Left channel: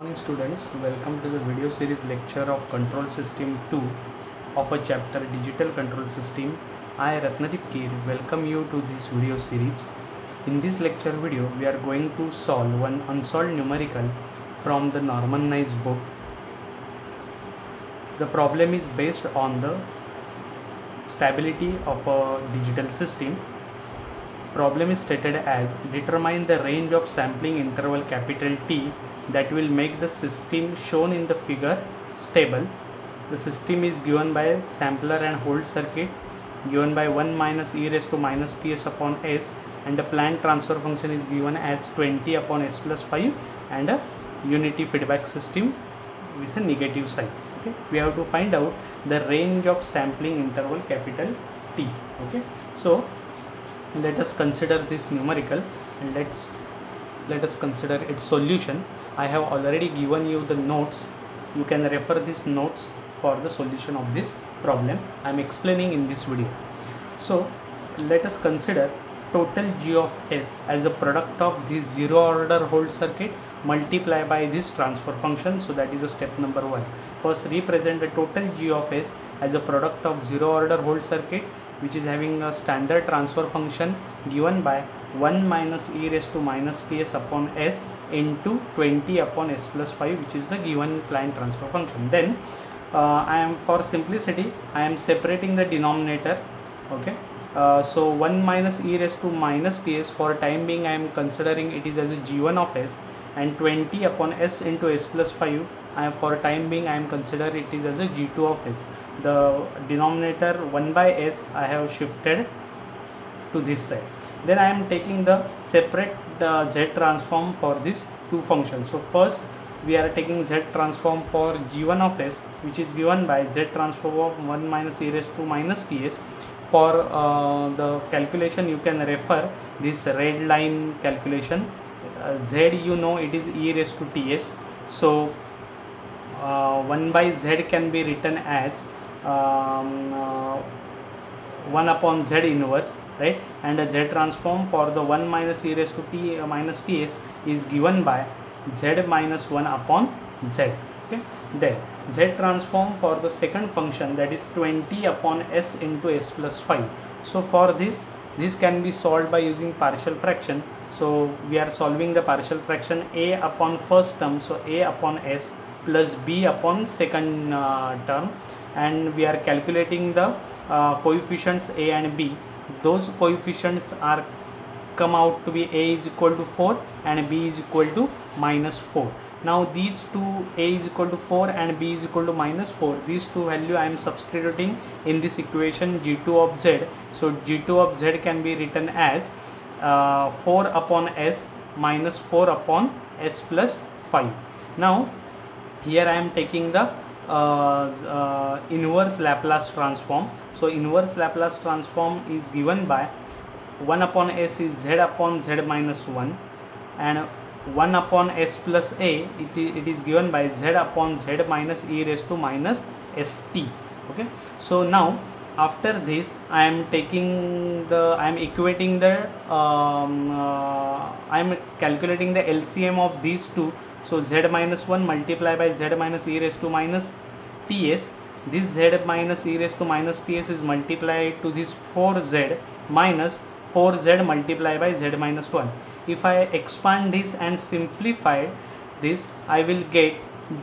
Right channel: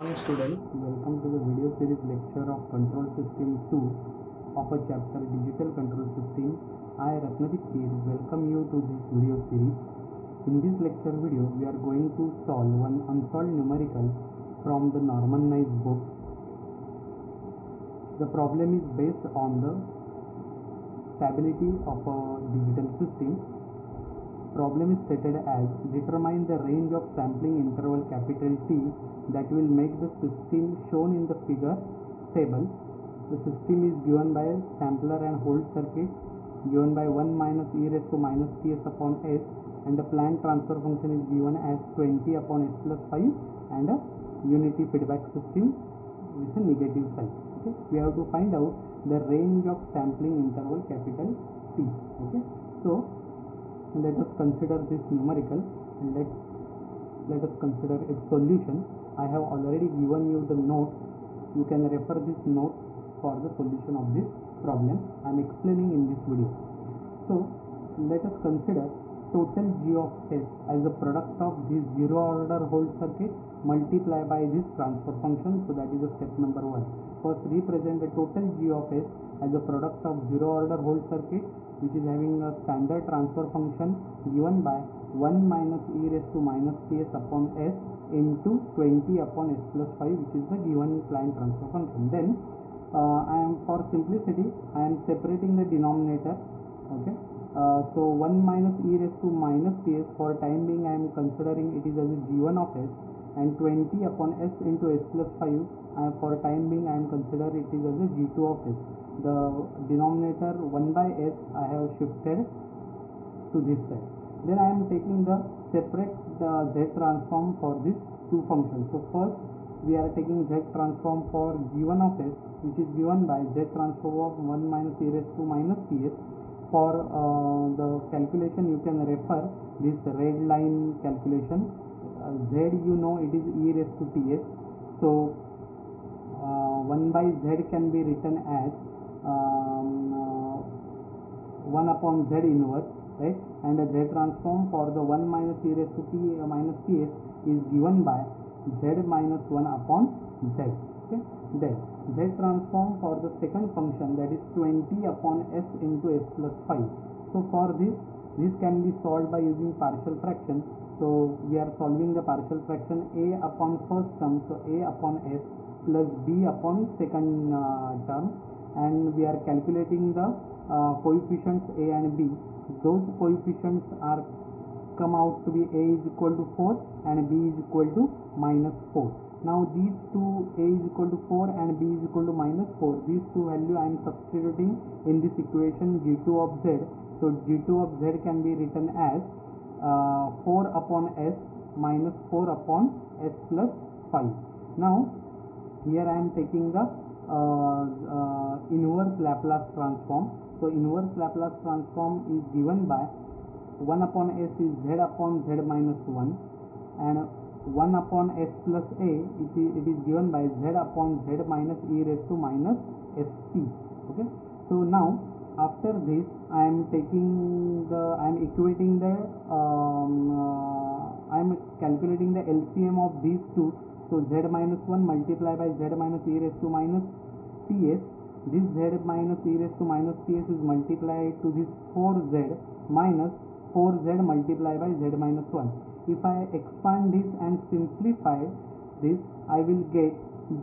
Morning students, welcome to the video series lecture of Control System 2 of a chapter Digital Control System. I Ratnadeep Kir welcome you to this video series. In this lecture video, we are going to solve one unsolved numerical from the Norman-Nice book. The problem is based on the stability of a digital system. Problem is stated as determine the range of sampling interval capital T that will make the system shown in the figure stable. The system is given by sampler and hold circuit given by 1 minus e raised to minus ts upon s, and the planned transfer function is given as 20 upon s plus 5 and a unity feedback system with a negative sign. Okay, we have to find out the range of sampling interval capital T. Okay, so let us consider this numerical and let us consider its solution. I have already given you the notes. You can refer these notes for the solution of this problem I am explaining in this video. So let us consider total G of S as a product of this zero order hold circuit multiply by this transfer function. So that is a step number 1. First, represent the total G of S as a product of zero order hold circuit which is having a standard transfer function given by 1 minus e raised to minus ts upon s into 20 upon s plus 5, which is the given planned transfer function. Then I am, for simplicity, I am separating the denominator. Okay, so 1 minus e raised to minus ts, for time being I am considering it is as a g1 of s, and 20 upon s into s plus 5 for time being I am consider it is as a g2 of s. The denominator 1 by s I have shifted to this side. Then I am taking the separate z transform for these two functions. So first we are taking z transform for g1 of s, which is given by z transform of 1 minus e raised to minus ts. For the calculation you can refer this red line calculation. Z, you know, it is e raised to ts. So 1 by z can be written as 1 upon z inverse, right? And a z transform for the 1 minus e raised to t minus ts is given by z minus 1 upon z. Okay, then z transform for the second function, that is 20 upon s into s plus 5. So for this can be solved by using partial fraction. So we are solving the partial fraction a upon first term, so a upon s plus b upon second term, and we are calculating the coefficients a and b. Those coefficients are come out to be a is equal to 4 and b is equal to minus 4. Now these two, a is equal to 4 and b is equal to minus 4, these two value I am substituting in this equation g2 of z. So g2 of z can be written as 4 upon s minus 4 upon s plus 5. Now here I am taking the inverse Laplace transform. So inverse Laplace transform is given by 1 upon s is z upon z minus 1, and 1 upon s plus a, it is given by z upon z minus e raised to minus st. Okay, so now after this I am taking the, I am equating the I am calculating the LCM of these two. So z minus 1 multiplied by z minus e raised to minus ts, this z minus e raised to minus ts is multiplied to this 4z minus 4z multiplied by z minus 1. If I expand this and simplify this, I will get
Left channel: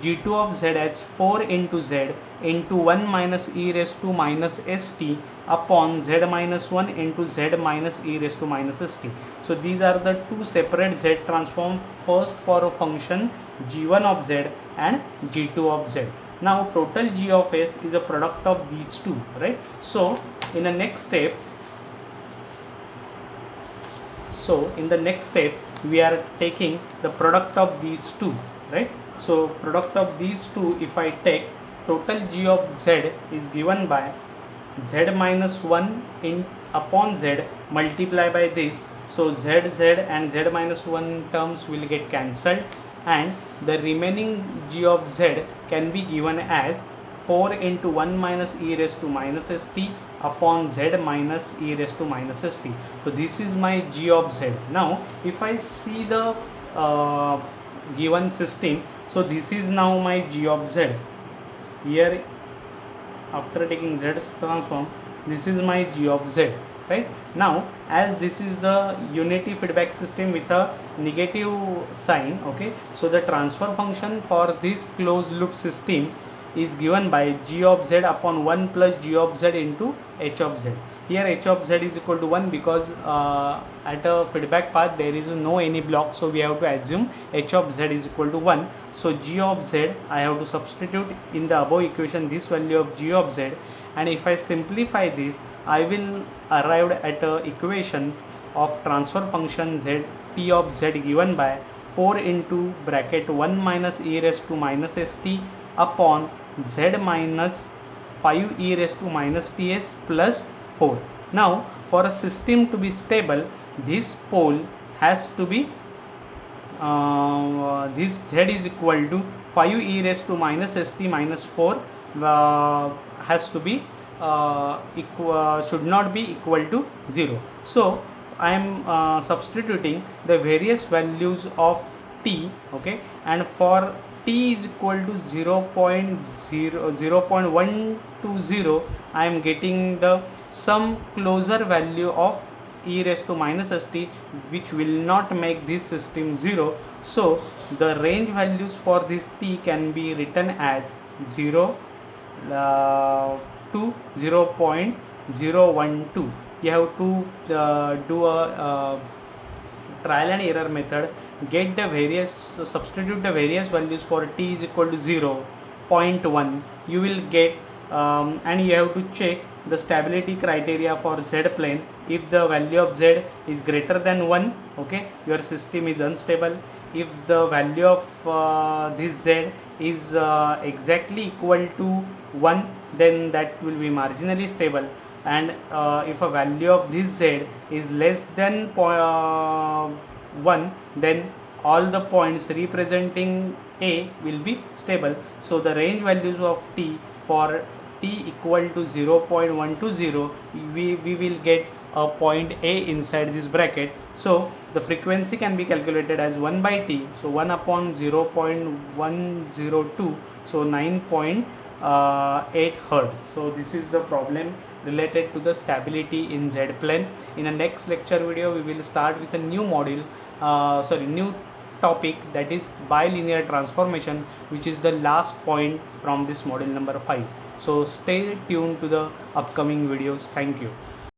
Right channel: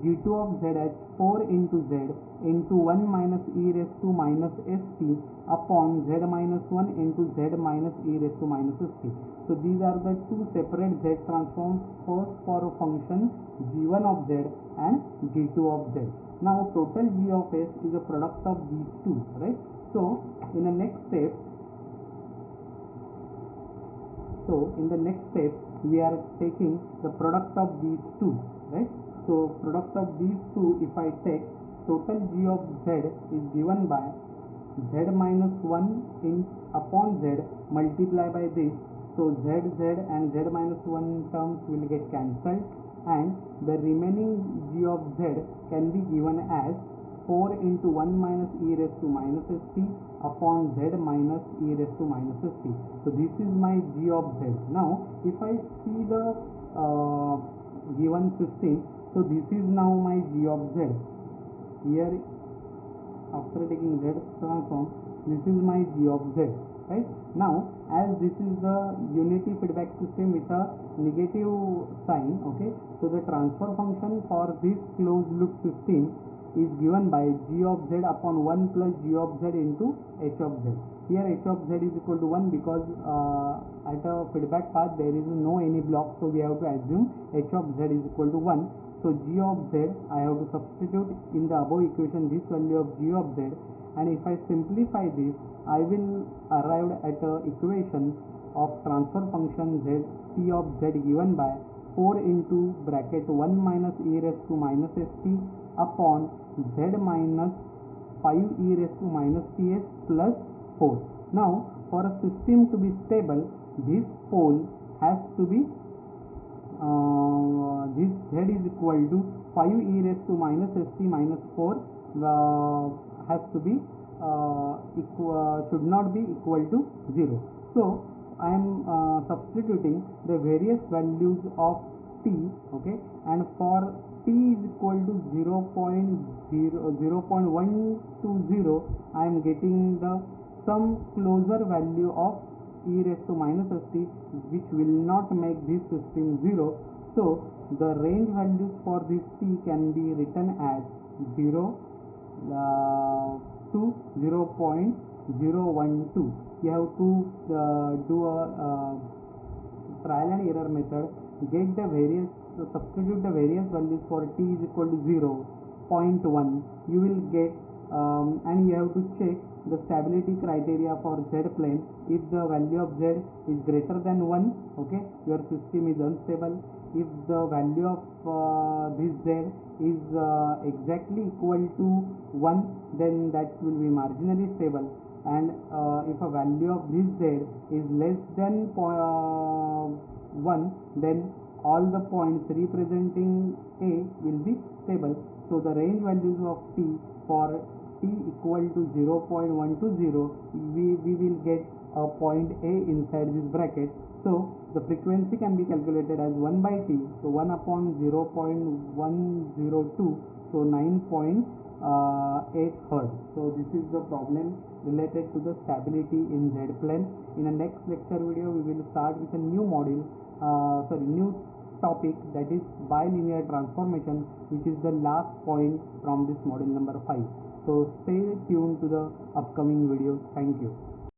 g2 of z as 4 into z into 1 minus e raised to minus st upon z minus 1 into z minus e raised to minus st. So these are the two separate z transform, first for a function g1 of z and g2 of z. Now total g of s is a product of these two, right? So in the next step, we are taking the product of these two, right? So product of these two, if I take, total g of z is given by z minus 1 in upon z multiplied by this. So z and z minus 1 terms will get cancelled, and the remaining g of z can be given as 4 into 1 minus e raised to minus st upon z minus e raised to minus st. So this is my g of z. Now if I see the given system, So this is now my g of z. Here, after taking z transform, this is my g of z, right? Now, as this is the unity feedback system with a negative sign, okay, so the transfer function for this closed loop system is given by g of z upon 1 plus g of z into h of z. Here h of z is equal to 1 because at a feedback path there is no any block, so we have to assume h of z is equal to 1. So g of z, I have to substitute in the above equation this value of g of z, and if I simplify this, I will arrive at a equation of transfer function z t of z given by 4 into bracket 1 minus e raised to minus st upon z minus 5 e raised to minus ts plus 4. Now, for a system to be stable, this pole has to be this z is equal to 5 e raised to minus st minus 4 has to be should not be equal to 0. So I am substituting the various values of t, okay, and for t is equal to 0.120, I am getting the some closer value of e raised to minus st, which will not make this system 0. So the range values for this t can be written as 0 to 0.012. You have to do a trial and error method, get the various, substitute the various values for t is equal to 0, 0.1, you will get and you have to check the stability criteria for z plane. If the value of z is greater than 1, okay, your system is unstable. If the value of this z is exactly equal to 1, then that will be marginally stable, and if a value of this z is less than 1, then all the points representing a will be stable. So the range values of t for t equal to 0.120, we will get a point a inside this bracket. So the frequency can be calculated as 1 by t, so 1 upon 0.102, so 9.8 hertz. So this is the problem related to the stability in z plane. In the next lecture video, we will start with a new module, new topic, that is bilinear transformation, which is the last point from this module number 5. So stay tuned to the upcoming videos. Thank you.